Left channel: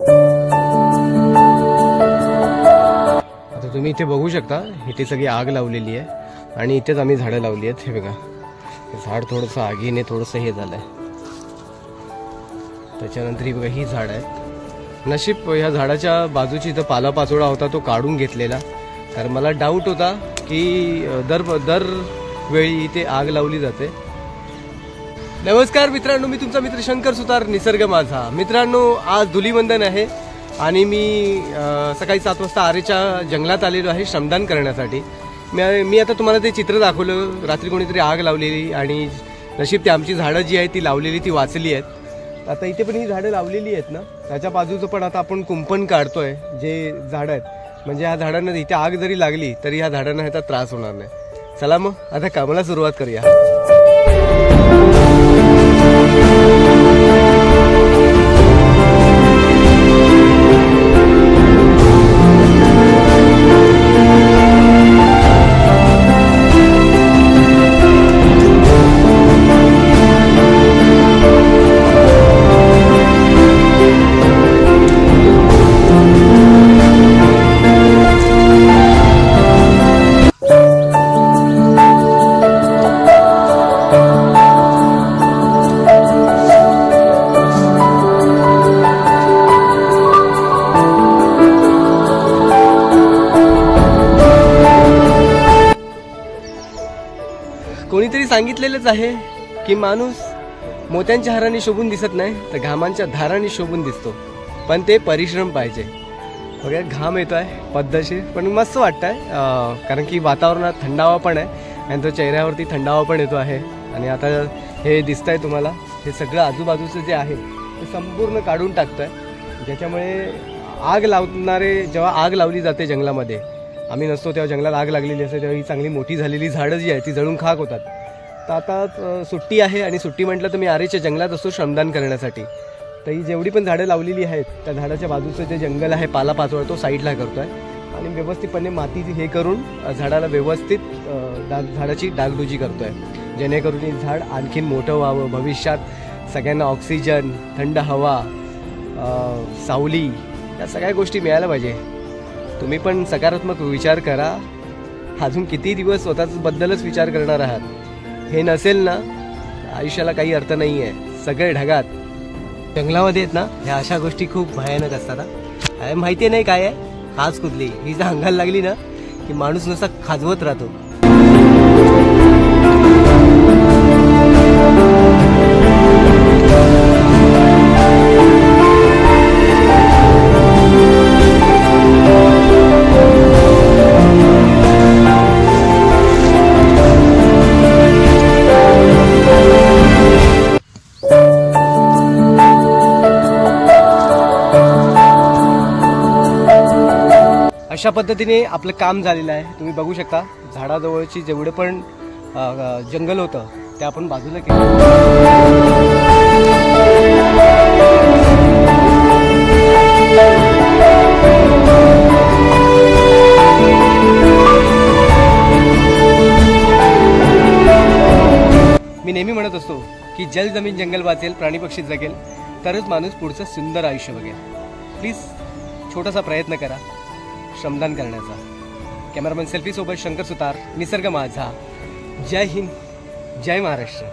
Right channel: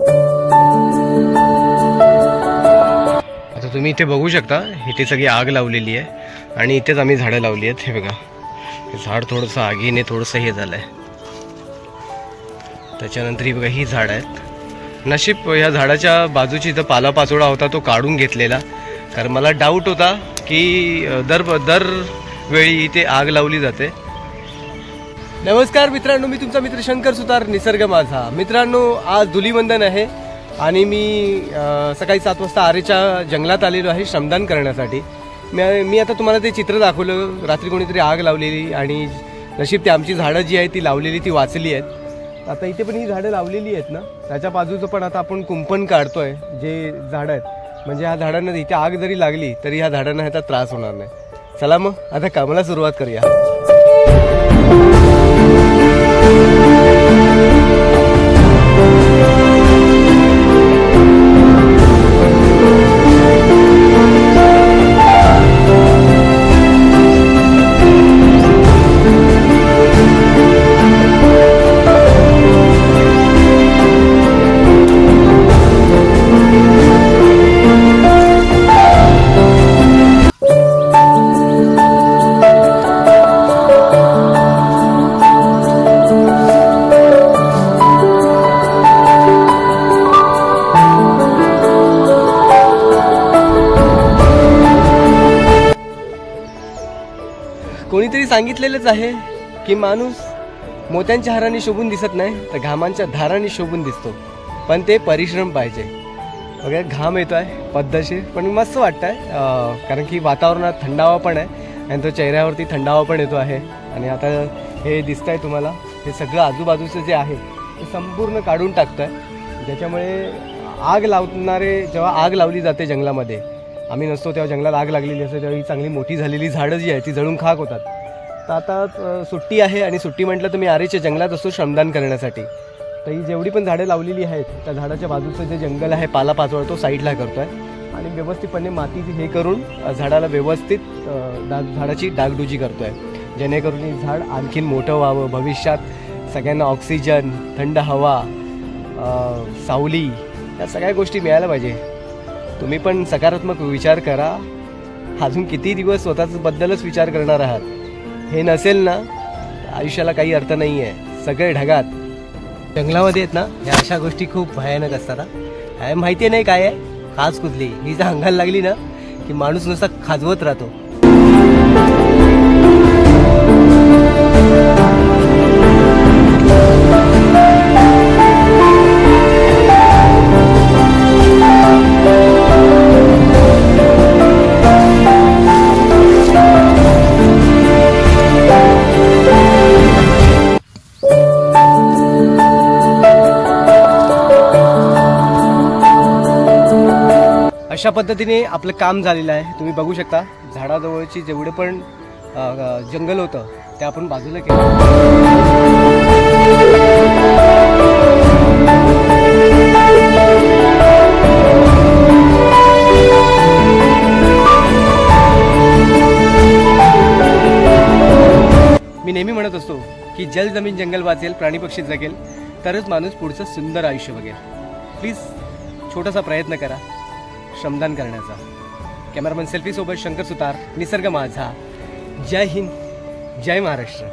आता तुम्ही इथे बघू शकता, इथे सगळी आग लावलेली आहे आणि इथेच आम्ही झाडं लावली आहेत। हे बघा, हे झाड थोडंसं आगीने थोडंसं हे झालंय। त्याच्यानंतर ही बघा, ही झाड आहेत। नशीब या झाडाच्या बाजूची इथं पालापाचोळा होता, तो काढून घेतलेला, कारण मला डाऊट होता की दरवेळी इथे आग लावली जाते। नमस्कार मित्रांनो, मी तुमचा मित्र शंकर सुतार, निसर्ग माझा। मित्रांनो, आज धुलीवंदन आहे आणि मी सकाळी 7 वाजता आरेच्या जंगलात आलेलो आहे श्रमदान करण्यासाठी। मी आता तुम्हाला ते चित्र दाखवलं, रात्री कोणीतरी आग लावलेली आणि नशीब ते आमची झाडं जी आहेत ती लावलेली ती वाचली आहेत। आता इथे पण ही झाडं लावलेली आहेत ना, त्याच्या बाजूचं पण आता आपण कुंपण काढतोय, जे झाडं आहेत, म्हणजे ह्या झाडांना इथे आग जरी लागली तरी ह्या झाडांना ह्याचा त्रास होणार नाही। चला मग आता कामाला सुरुवात करूया। कोणीतरी सांगितलेलंच आहे की माणूस मोत्यांच्या हाराने शोभून दिसत नाही, तर घामांच्या धारांनी शोभून दिसतो, पण ते परिश्रम पाहिजे। वगैरे घाम येतोय पद्धतशीर, पण मस्त वाटतंय, कारण की वातावरणात थंडावा पण आहे आणि तो चेहऱ्यावरती थंडावा पण येतो आहे। आणि आता हे दिसतंय तुम्हाला, हे सगळं आजूबाजूचं जे आहे ते संपूर्ण काढून टाकतोय, ज्याच्यामुळे आग लावणारे, जेव्हा आग लावली जाते जंगलामध्ये, आम्ही नसतो तेव्हा जंगलात आग लागलेली असते, तेव्हा ही चांगली मोठी झालेली झाडं जी आहे ती जळून खाक होतात। तर आता सुट्टी आहे आणि सुट्टी म्हटलं तर मी आरेच्या जंगलात असतो श्रमदान करण्यासाठी। तर ही जेवढी पण झाडं लावलेली आहेत त्या झाडाच्या बाजूचं जे जंगल आहे, पालापाचोळा, तो साईडला करतोय आणि व्यवस्थितपणे माती हे करून झाडाला व्यवस्थित झाडाची डागडुजी करतोय, जेणेकरून हे झाड आणखीन मोठं व्हावं, भविष्यात सगळ्यांना ऑक्सिजन, थंड हवा, सावली, या सगळ्या गोष्टी मिळायला पाहिजे। तुम्ही पण सकारात्मक विचार करा। अजून किती दिवस स्वतःच बद्दलच विचार करणार आहात? हे नसेल ना, आयुष्याला काही अर्थ नाही आहे। सगळे ढगात जंगलामध्ये आहेत ना, ह्या अशा गोष्टी खूप भयानक असतात। माहिती नाही काय आहे, खाज कुदली ही जर अंगाला लागली ना की माणूस नुसता खाजवत राहतो। अशा पद्धतीने आपलं काम झालेलं आहे। तुम्ही बघू शकता, झाडाजवळची जेवढे पण जंगल होतं ते आपण बाजूला केलं। मी नेहमी म्हणत असतो की जल जमीन जंगल वाचेल, प्राणी पक्षी जगेल, तरच माणूस पुढचं सुंदर आयुष्य बघेल। प्लीज छोटासा प्रयत्न करा श्रमदान करण्याचा। कॅमेरामन सेल्फी सोबत शंकर सुतार, निसर्ग माझा। जय हिंद, जय महाराष्ट्र।